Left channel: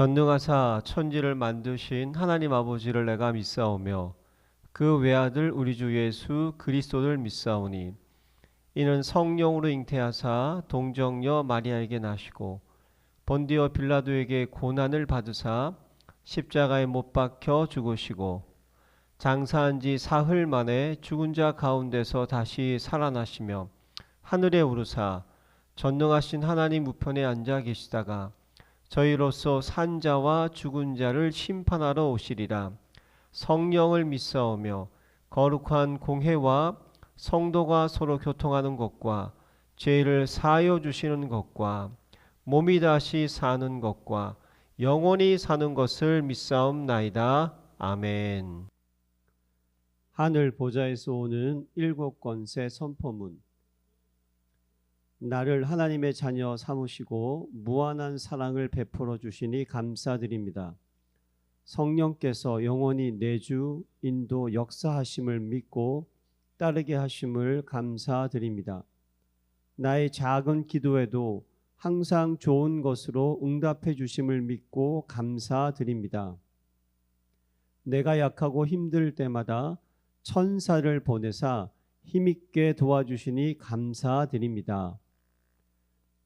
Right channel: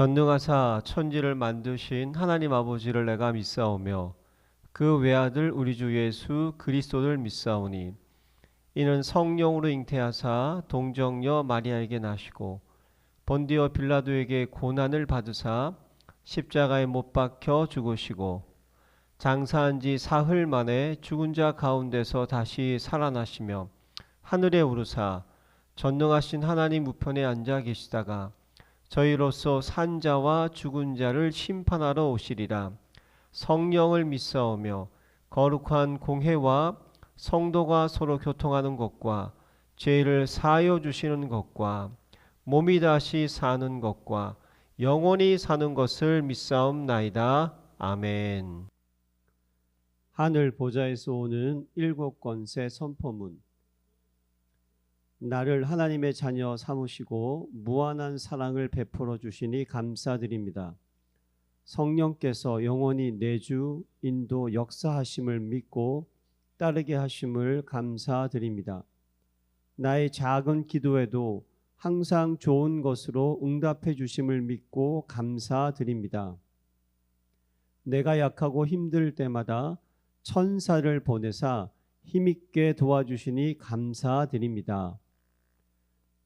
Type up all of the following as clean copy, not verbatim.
전능하사 천지를 만드신 하나님 아버지를 내가 믿사오며 그 외아들 우리 주 예수 그리스도를 믿사오니 이는 성령으로 잉태하사 동정녀 마리아에게 나시고 본디오 빌라도에게 고난을 받으사 십자가에 못 박혀 죽으시고 장사한 지 사흘 만에 죽은 자 가운데서 다시 살아나시며 하늘에 오르사 전능하신 하나님 우편에 앉아 계시다가 저희로서 산 자와 죽은 자를 심판하러 오시리라. 성령을 믿사오며 거룩한 공회와 성도가 서로 교통하는 것과 죄를 사하여 주시는 것과 몸이 다시 사는 것과 영원히 사는 것을 믿사옵나이다. 아멘. 하늘 보좌에서 오는 일곱 권세 선포문. 나를 하나님의 자녀 삼으시고 무한한 사랑을 베풀어 주시니 감사드립니다. 성령께서 영원히 내주 인도 역사하심을 믿고 따르게 하심을 감사드립니다. 나의 작은 기도에도 항상 좋은 것으로 응답해 주심을 믿고 감사드립니다. 내가 약하고 힘들 때마다 천사를 보내사 힘있게 도와주시니 감사드립니다.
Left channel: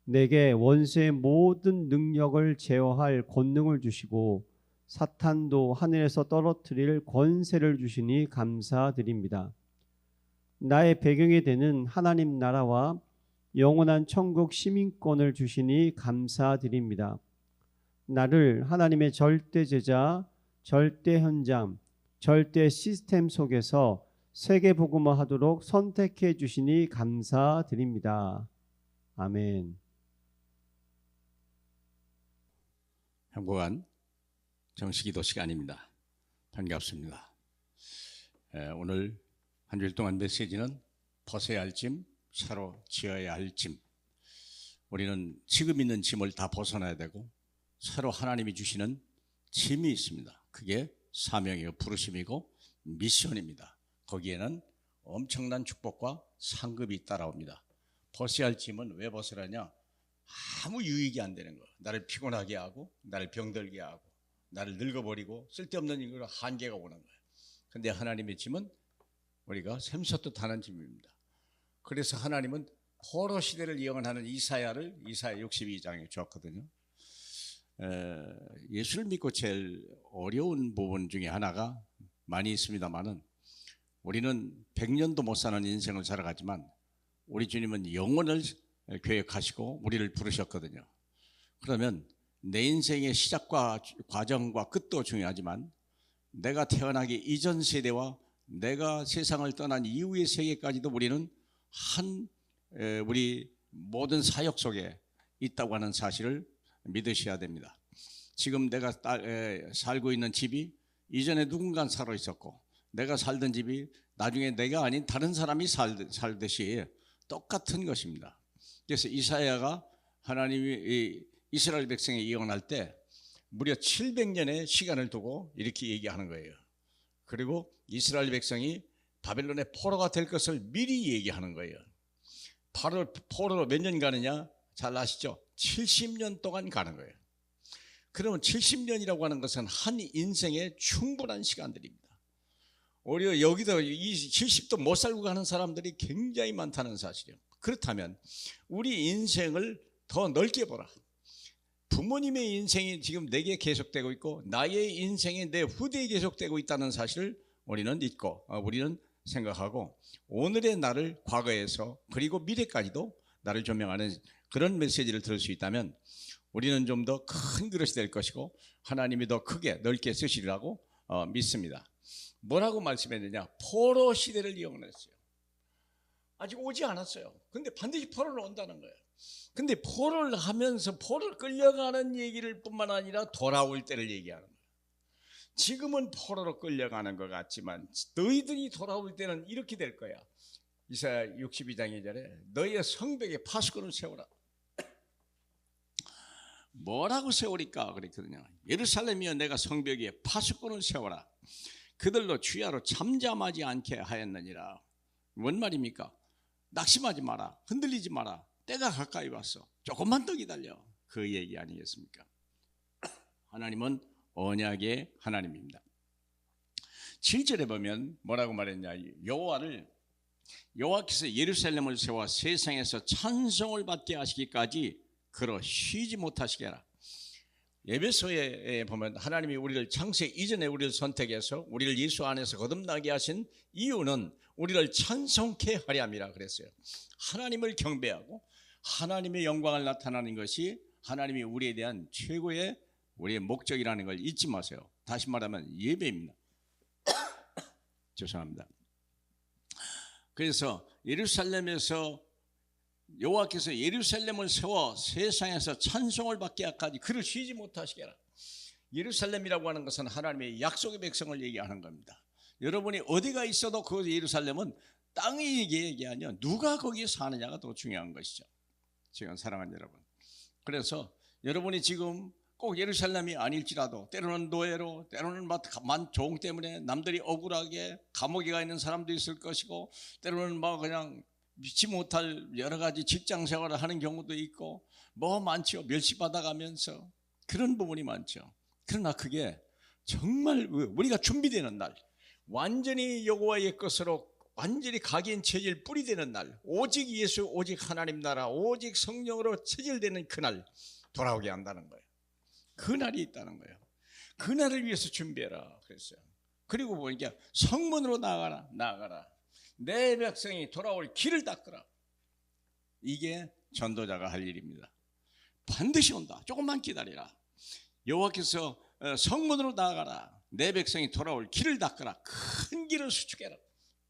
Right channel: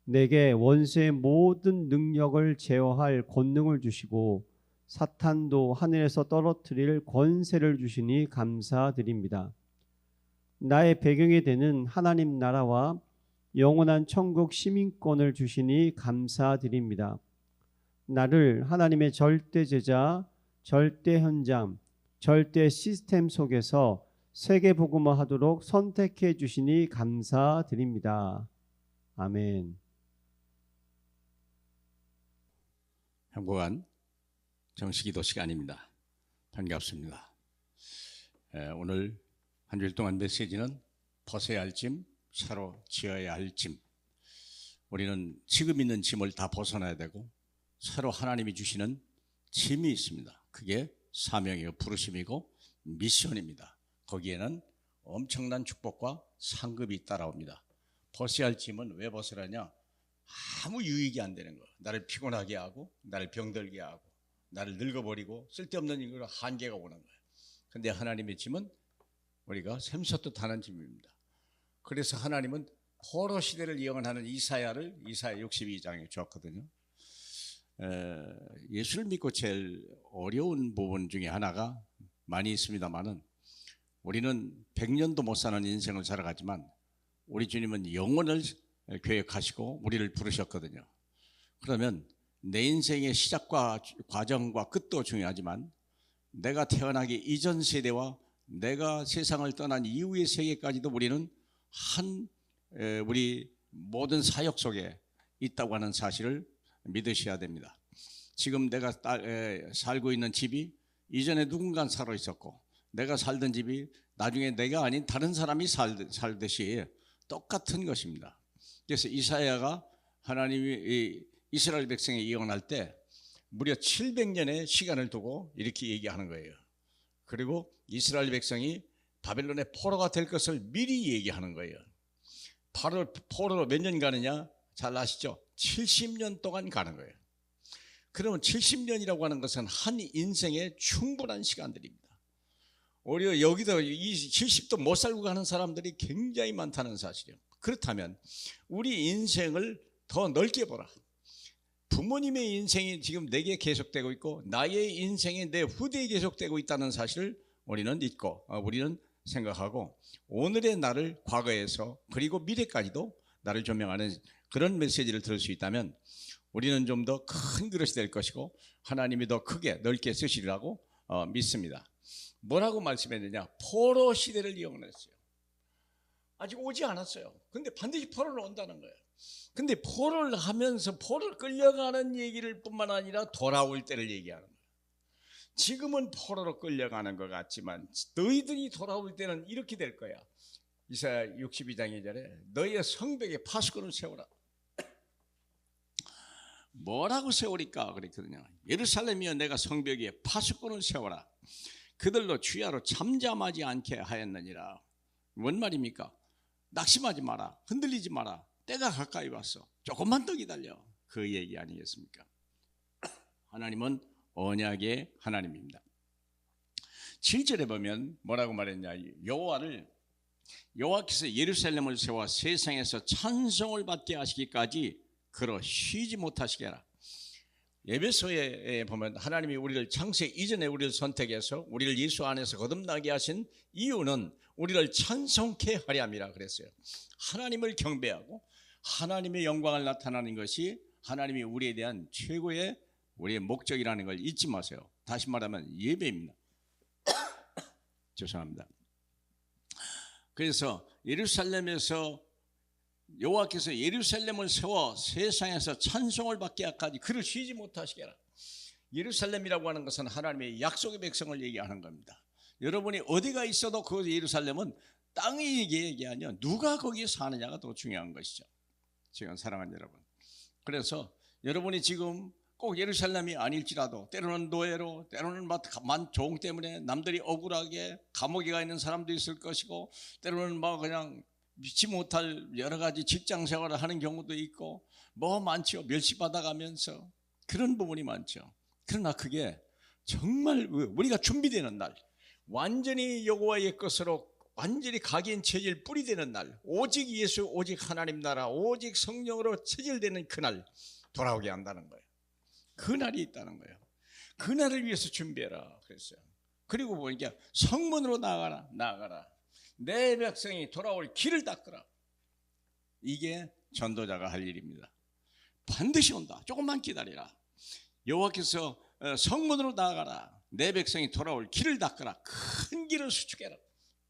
내게 원수의 모든 능력을 제어할 권능을 주시고 사탄도 하늘에서 떨어뜨릴 권세를 주시니 감사드립니다. 나의 배경이 되는 하나님 나라와 영원한 천국 시민권을 주시니 감사드립니다. 나를 하나님의 절대 제자, 절대 현장, 절대 시스템 속에서 세계 복음화 하도록 선택해 주시니 감사드립니다. 아멘. 행복한 정식기도 시간입니다. 반갑습니다. 오늘 한 주일 동안 메시지는 벗어야 할 짐, 새로 지어야 할 짐. 우리는 지금 있는 짐을 다 벗어나야 되고 새로 하나님이 주시는 짐이 있습니다. 그게 사명이고 부르심이고 미션입니다. 거기에는 엄청난 축복과 상급이 따라옵니다. 벗어야 할 짐은 왜 벗으라냐? 아무 유익이 안 되는 거. 나를 피곤하게 하고 나를 병들게 하고 나를 늙어버리고 쓸데없는 일로 한계가 오는 거예요. 근데 하나님의 짐은 우리가 샘솟듯 하는 짐입니다. 그래서 하나님은 포로 시대를 예언하는 이사야 62장에 주었거든요. 예수를 믿고 제일 어려운 부분 중에 하나가 많이 있습니다만은 우리는 100년도 못 사는 인생을 살아가지만 우리 주님은 영원을 계획하시고 우리를 부르셨거든요. 그러면 내 인생의 시작과 과정과 끝도 중요하지만 내가 태어나기 이전 세대와 내가 세상을 떠난 이후의 세계까지도 우리는 우리 모든 사역 속에 있다고 하는 사실을 믿으셔야 됩니다. 지금 내가 살고 있는 집이 이전에 누군가 살아 있었고 내가 살던 집이 나중에 내가 아닌 다른 사람이 살듯이 똑같은 것입니다. 그래서 이사야가 하나님이 이스라엘 백성에 예언할 때 무려 700년의 시간을 두고 이렇게 얘기하는 거예요. 그리고 이스라엘 백성이 바벨론의 포로가 될 것을 미리 얘기하는 거예요. 포로로 몇 년 가느냐? 잘 아시죠? 70년 동안 가는 거예요. 그러면 70년이라고 하는 것은 한 인생의 충분한 시간들입니다. 오히려 여기도 70도 못 살고 가는 사람들이 굉장히 많다는 사실이에요. 그렇다면 우리 인생을 더 넓게 보라. 부모님의 인생이 지금 내게 계속되고 있고 나의 인생이 내 후대에 계속되고 있다는 사실을 우리는 믿고 우리는 생각하고 오늘의 나를 과거에서 그리고 미래까지도 나를 조명하는 그런 메시지를 들을 수 있다면 우리는 좀 더 큰 그릇이 될 것이고 하나님이 더 크게 넓게 쓰시리라고 믿습니다. 뭐라고 말씀했느냐? 포로 시대를 예언했어요. 아직 오지 않았어요. 근데 반드시 포로를 온다는 거예요. 근데 포로를 하면서 포로를 끌려가는 얘기를 뿐만 아니라 돌아올 때를 얘기하는 거예요. 지금은 포로로 끌려가는 것 같지만 너희들이 돌아올 때는 이렇게 될 거야. 이사야 62장 2절에 너희의 성벽에 파수꾼을 세우라. 뭐라고 세우리까 그랬거든요. 예루살렘이여 내가 성벽에 파수꾼을 세워라. 그들로 주야로 잠잠하지 않게 하였느니라. 뭔 말입니까? 낙심하지 마라. 흔들리지 마라. 때가 가까이 왔어. 조금만 더 기다려. 그 얘기 아니겠습니까? 하나님은 언약의 하나님입니다. 7절에 보면 뭐라고 말했냐? 여호와께서 예루살렘을 세워 세상에서 찬송을 받게 하시기까지 그러 쉬지 못하시게 하라. 에베소에 보면 하나님이 우리를 창세 이전에 우리를 선택해서 우리를 예수 안에서 거듭나게 하신 이유는 우리를 찬송케 하려 함이라 그랬어요. 하나님을 경배하고 하나님의 영광을 나타나는 것이 하나님이 우리에 대한 최고의 우리의 목적이라는 걸 잊지 마세요. 다시 말하면 예배입니다. 죄송합니다. 그래서 예루살렘에서 여호와께서 예루살렘을 세워 세상에서 찬송을 받게 하기까지 그를 쉬지 못하시게 하라. 예루살렘이라고 하는 것은 하나님의 약속의 백성을 얘기하는 겁니다. 여러분이 어디가 있어도 그 예루살렘은 땅이 얘기하냐 누가 거기에 사느냐가 더 중요한 것이죠. 지금 사랑하는 여러분, 그래서 여러분이 지금 꼭 예루살렘이 아닐지라도 때로는 노예로, 때로는 종 때문에 남들이 억울하게 감옥에 가 있는 사람도 있을 것이고, 때로는 그냥 믿지 못할 여러 가지 직장 생활을 하는 경우도 있고 많죠. 멸시받아가면서 그런 부분이 많죠. 그러나 그게 정말 우리가 준비되는 날, 완전히 여호와의 것으로 완전히 각인 체질 뿌리되는 날, 오직 예수, 오직 하나님 나라, 오직 성령으로 체질되는 그날 돌아오게 한다는 거예요. 그날이 있다는 거예요. 그날을 위해서 준비해라 그랬어요. 그리고 보니까 성문으로 나아가라. 내 백성이 돌아올 길을 닦으라. 이게 전도자가 할 일입니다. 반드시 온다. 조금만 기다리라. 여호와께서 성문으로 나아가라. 내 백성이 돌아올 길을 닦으라. 큰 길을 수축해라.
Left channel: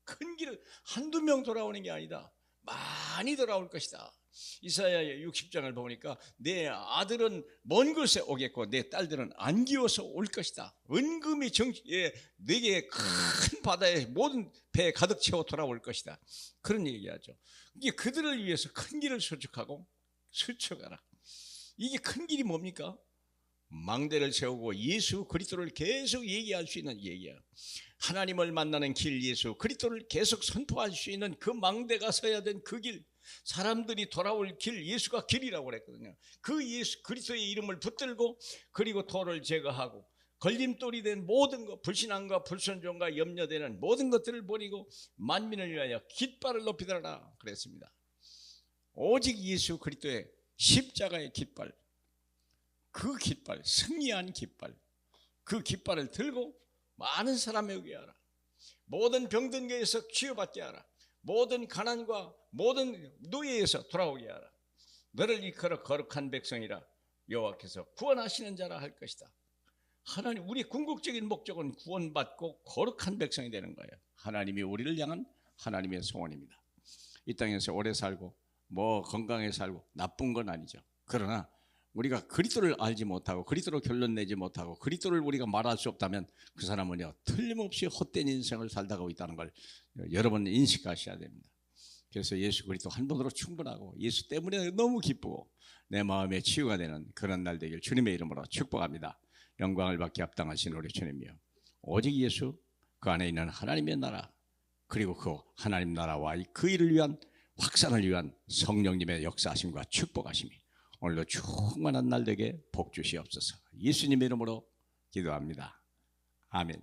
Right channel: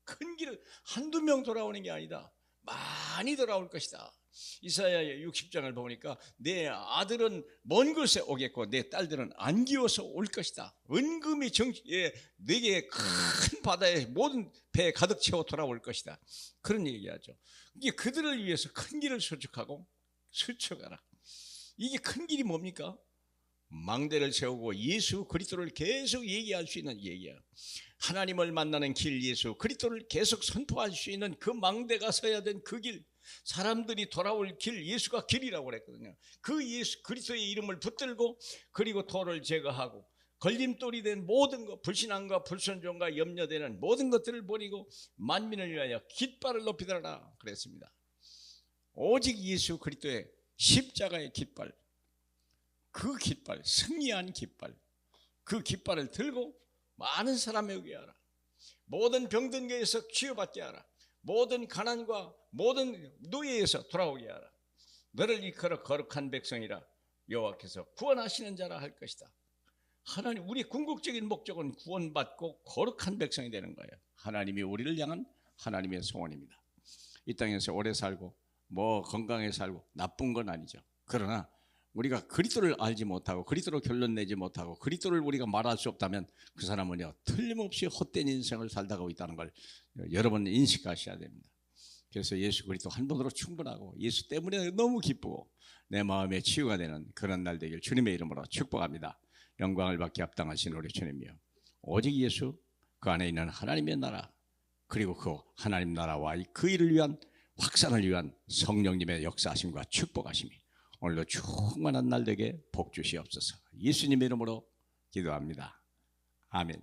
큰 길을 한두 명 돌아오는 게 아니다. 많이 돌아올 것이다. 이사야 60장을 보니까 내 아들은 먼 곳에 오겠고 내 딸들은 안기어서 올 것이다. 은금이 내게 큰 바다에 모든 배에 가득 채워 돌아올 것이다. 그런 얘기하죠. 이게 그들을 위해서 큰 길을 수축하고 수축하라. 이게 큰 길이 뭡니까? 망대를 세우고 예수 그리스도를 계속 얘기할 수 있는 얘기야. 하나님을 만나는 길 예수 그리스도를 계속 선포할 수 있는 그 망대가 서야 된 그 길, 사람들이 돌아올 길, 예수가 길이라고 그랬거든요. 그 예수 그리스도의 이름을 붙들고 그리고 돌을 제거하고 걸림돌이 된 모든 것, 불신앙과 불순종과 염려되는 모든 것들을 버리고 만민을 위하여 깃발을 높이 들어라 그랬습니다. 오직 예수 그리스도의 십자가의 깃발, 그 깃발, 승리한 깃발, 그 깃발을 들고 많은 사람에게 하라. 모든 병든 것에서 치유받게 하라. 모든 가난과 모든 노예에서 돌아오게 하라. 너를 이끌어 거룩한 백성이라 여호와께서 구원하시는 자라 할 것이다. 하나님, 우리 궁극적인 목적은 구원받고 거룩한 백성이 되는 거예요. 하나님이 우리를 향한 하나님의 소원입니다. 이 땅에서 오래 살고 건강에 살고 나쁜 건 아니죠. 그러나 우리가 그리스도를 알지 못하고 그리스도로 결론 내지 못하고 그리스도를 우리가 말할 수 없다면 그 사람은요 틀림없이 헛된 인생을 살다가 있다는 걸 여러분 인식하셔야 됩니다. 그래서 예수 그리스도 한 번으로 충분하고 예수 때문에 너무 기쁘고 내 마음에 치유가 되는 그런 날 되길 주님의 이름으로 축복합니다. 영광을 받기 합당하신 우리 주님이요, 오직 예수, 그 안에 있는 하나님의 나라, 그리고 그 하나님 나라와 그 일을 위한 확산을 위한 성령님의 역사하심과 축복하심이 오늘도 충만한 날 되게 복 주시옵소서. 예수님의 이름으로 기도합니다. 아멘.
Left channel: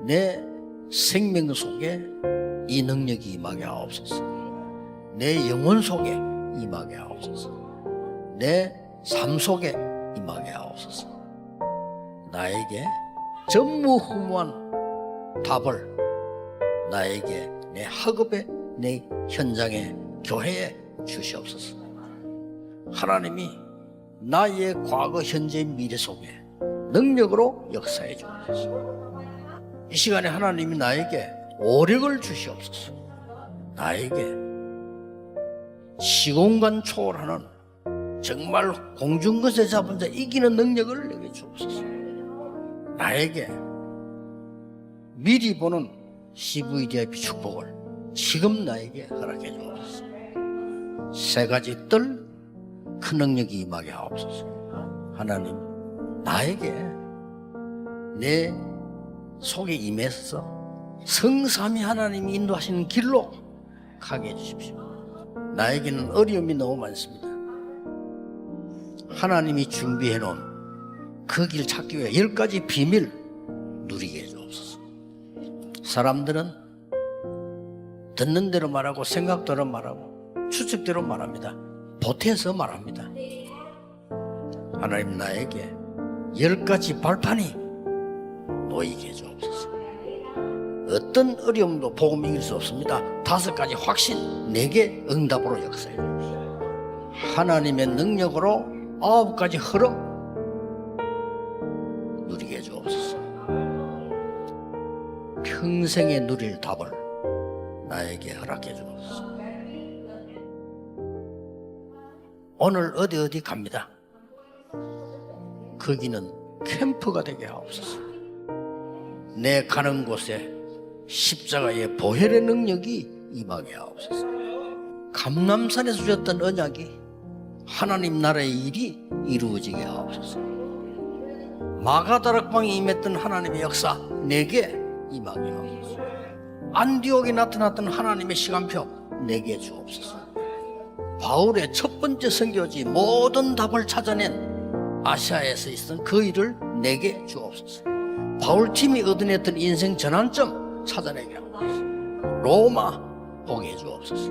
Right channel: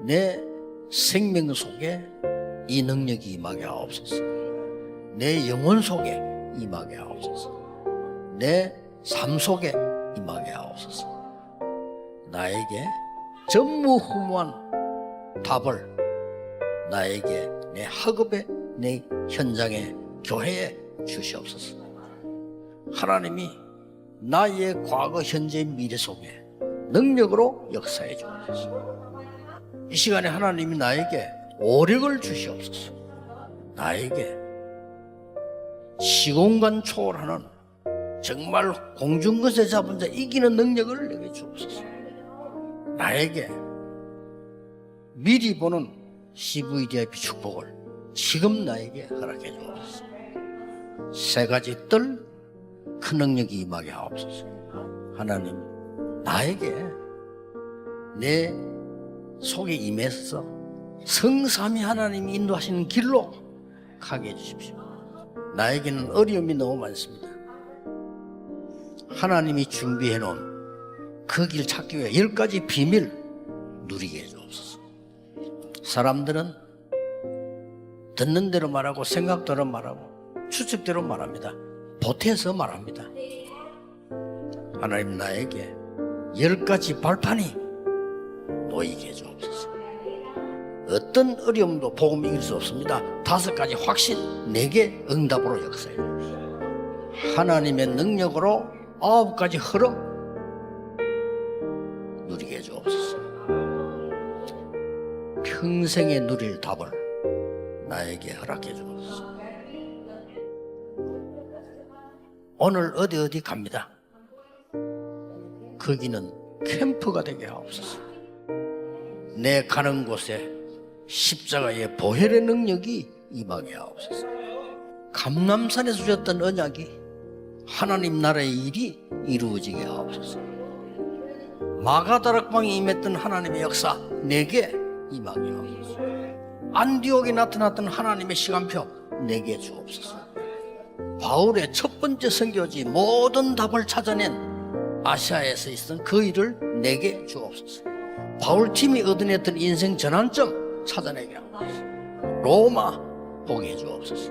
내 생명 속에 이 능력이 임하게 하옵소서. 내 영혼 속에 임하게 하옵소서. 내 삶 속에 임하게 하옵소서. 나에게 전무후무한 답을 나에게 내 학업에 내 현장에 교회에 주시옵소서. 하나님이 나의 과거 현재 미래 속에 능력으로 역사해 주옵소서. 이 시간에 하나님이 나에게 오력을 주시옵소서. 나에게 시공간 초월하는 정말 공중것에 잡은 자 이기는 능력을 내게 주옵소서. 나에게 미리 보는 CVDIP 축복을 지금 나에게 허락해 주옵소서. 세 가지 뜰 큰 능력이 임하게 하옵소서. 하나님, 나에게 내 속에 임해서 성삼위 하나님이 인도하시는 길로 가게 해주십시오. 나에게는 어려움이 너무 많습니다. 하나님이 준비해 놓은 그 길 찾기 위해 10가지 비밀 누리게 해주옵소서. 사람들은 듣는 대로 말하고 생각대로 말하고 추측대로 말합니다. 보태서 말합니다. 하나님 나에게 10가지 발판이 놓이게 해주옵소서. 어떤 어려움도 복음 이길 수 없습니다. 5가지 확신 내게 응답으로 역사해 주옵소서. 하나님의 능력으로 9가지 흐름 누리게 해주옵소서. 평생에 누릴 답을 나에게 허락해 주옵소서. 오늘 어디 갑니다. 거기는 캠프가 되게 하옵소서. 내 가는 곳에 십자가의 보혈의 능력이 임하게 하옵소서. 감람산에서 주셨던 언약이 하나님 나라의 일이 이루어지게 하옵소서. 마가다락방에 임했던 하나님의 역사 내게 임하게 하옵소서. 안디옥에 나타났던 하나님의 시간표 내게 주옵소서. 바울의 첫 번째 선교지 모든 답을 찾아낸 아시아에서 있었던 그 일을 내게 주옵소서. 바울팀이 얻어냈던 인생 전환점 찾아내게 하옵소서. 로마 보게 해주옵소서.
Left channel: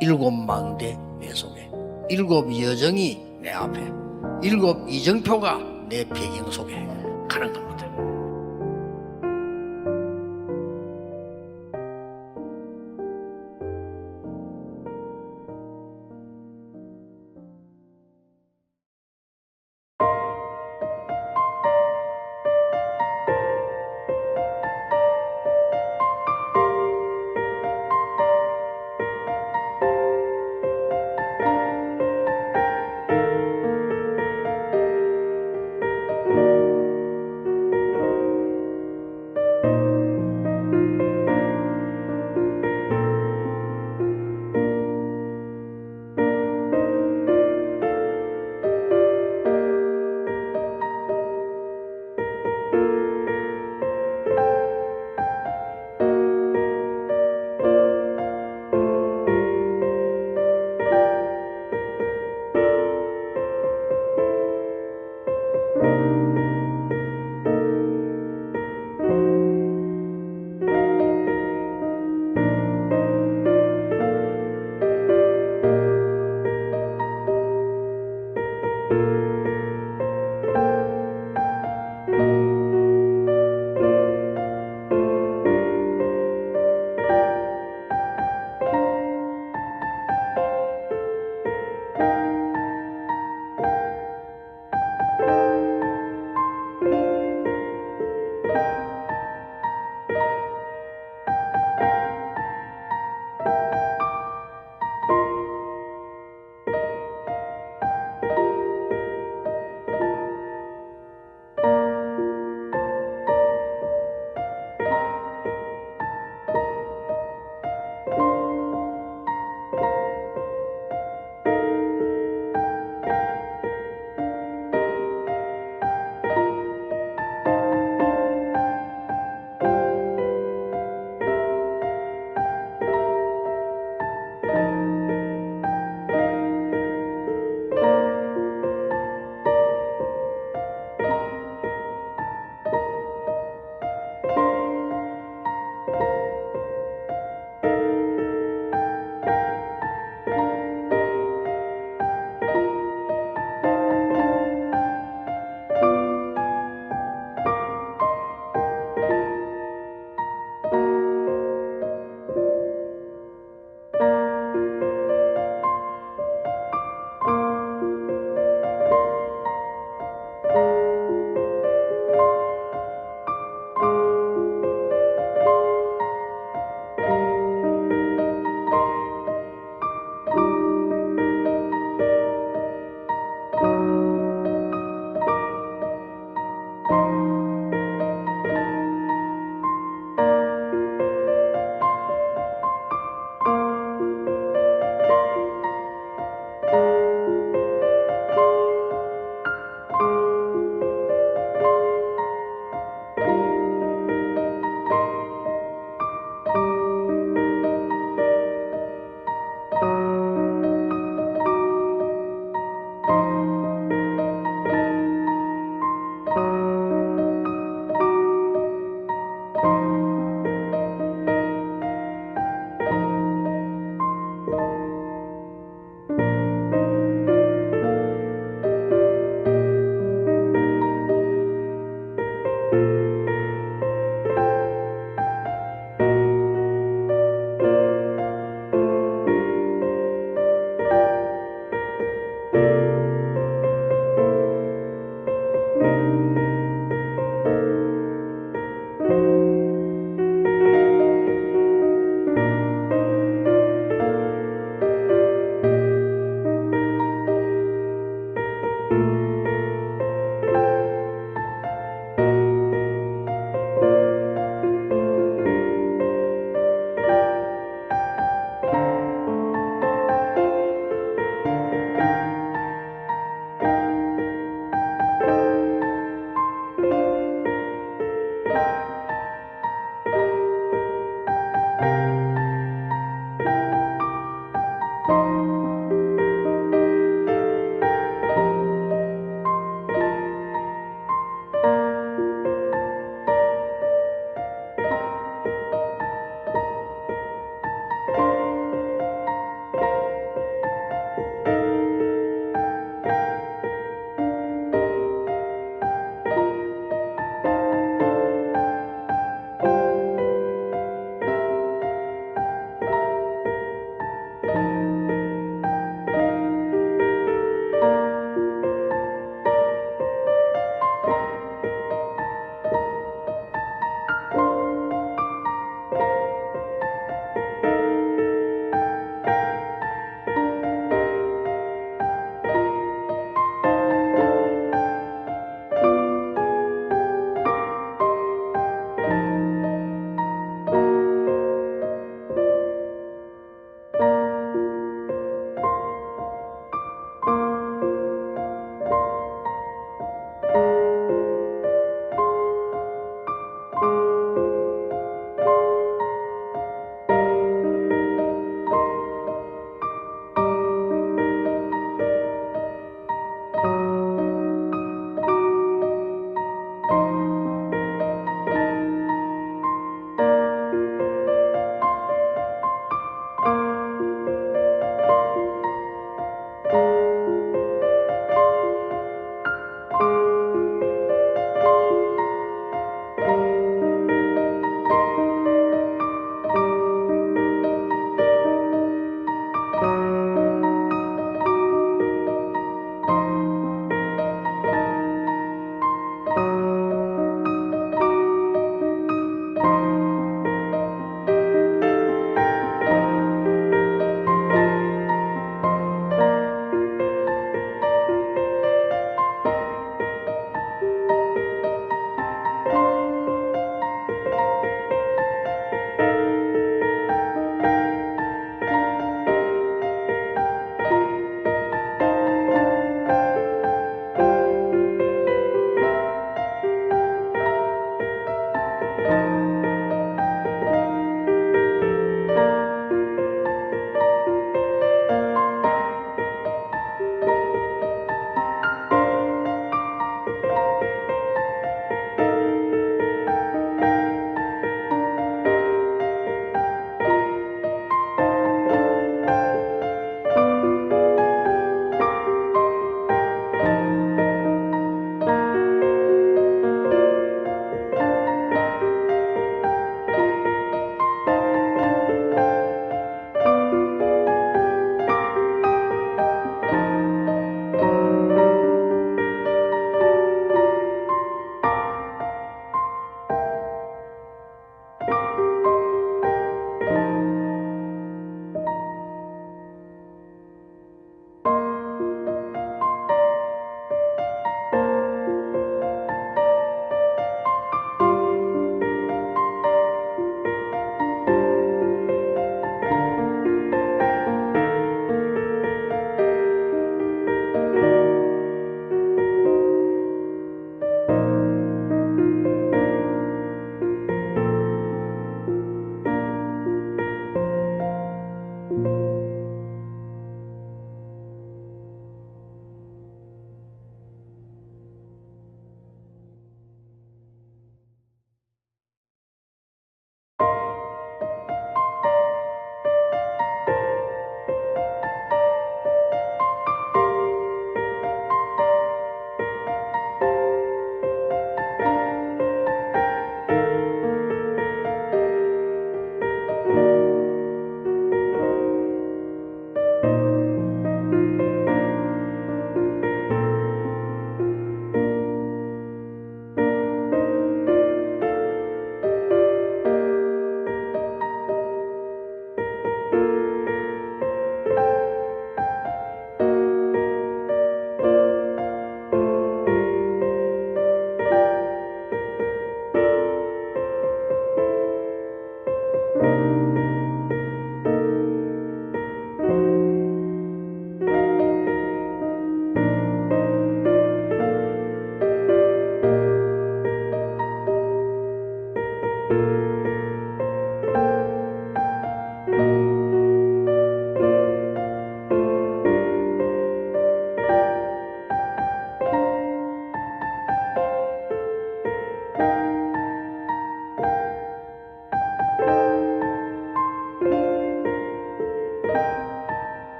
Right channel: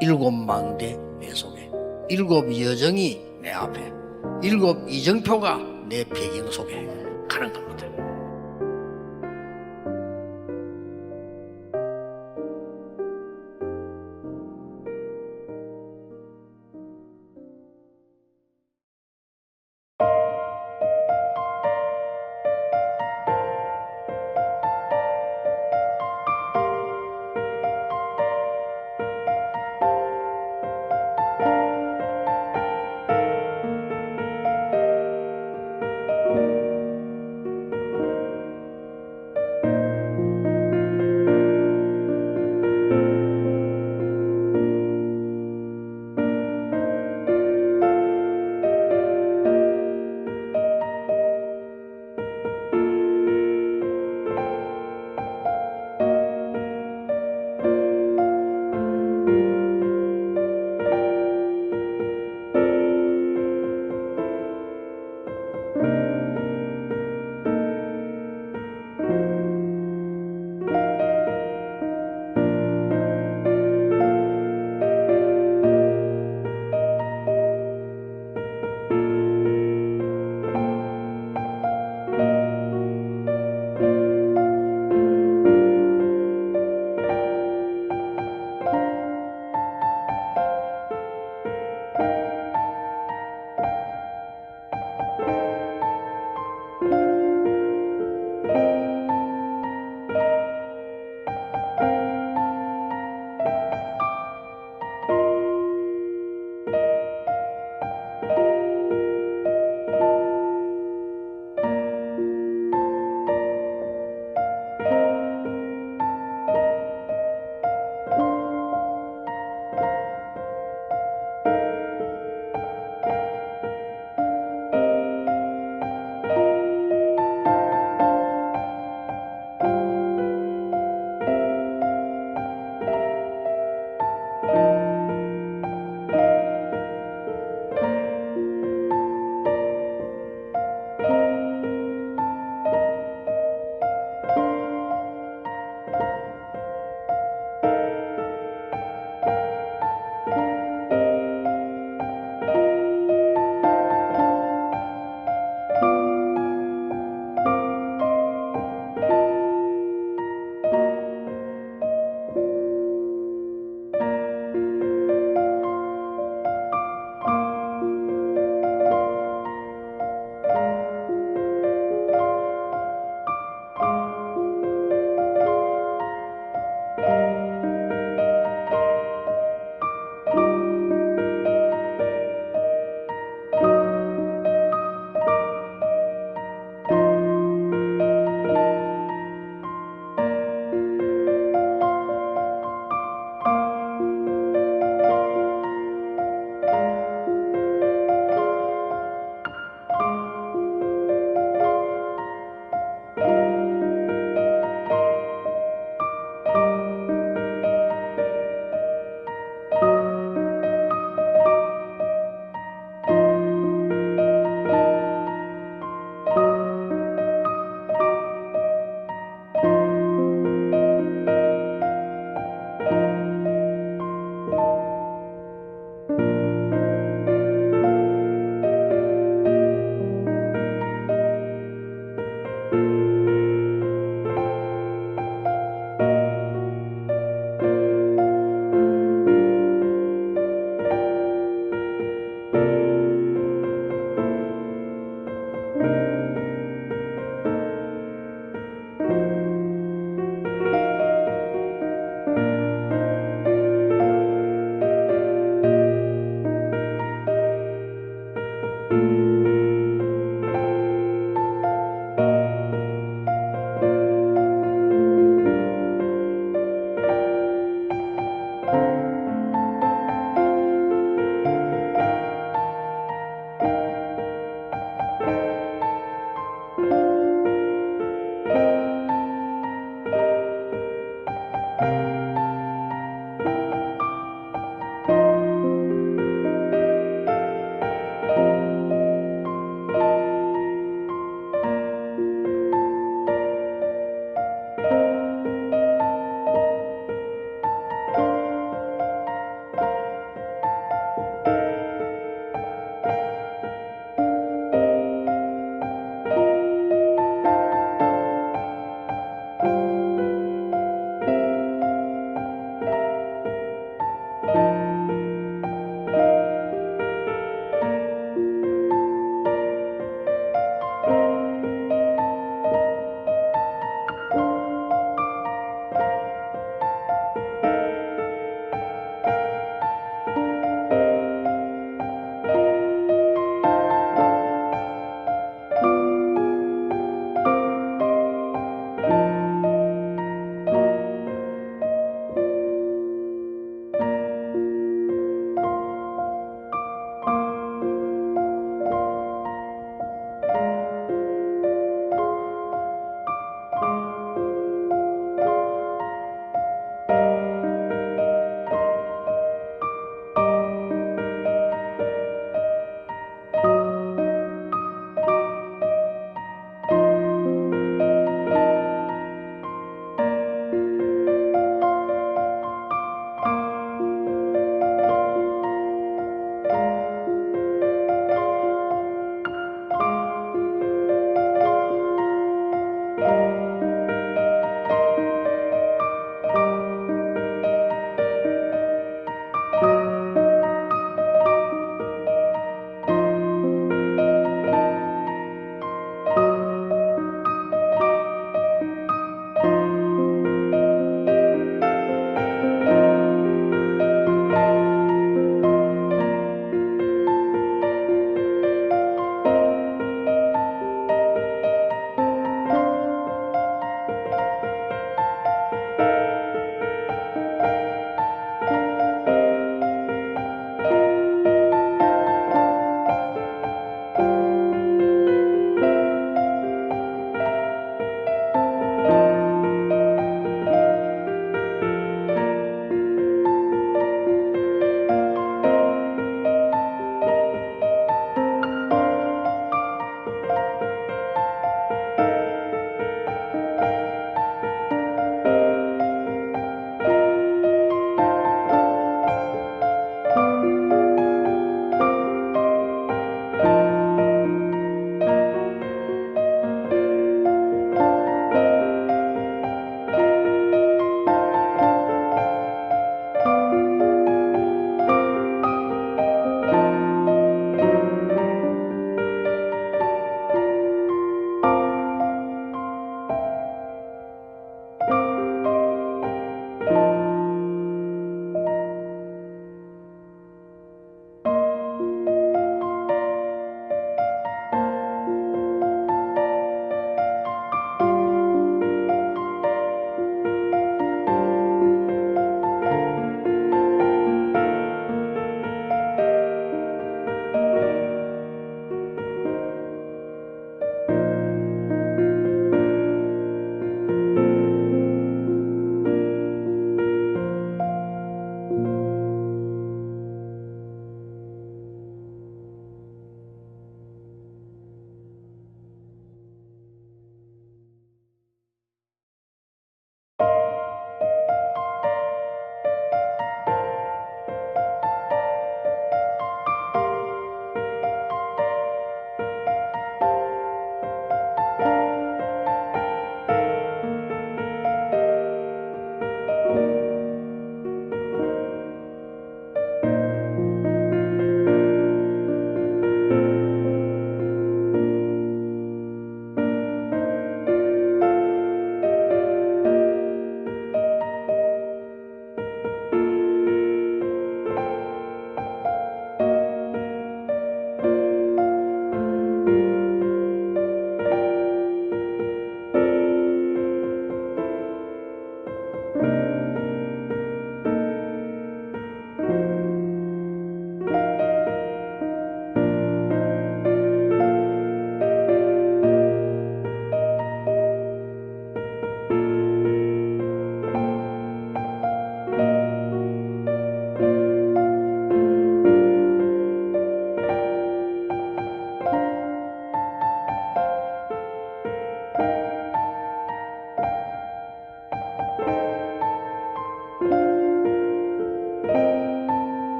7망대 내 속에, 7 여정이 내 앞에, 7 이정표가 내 배경 속에 가는 겁니다.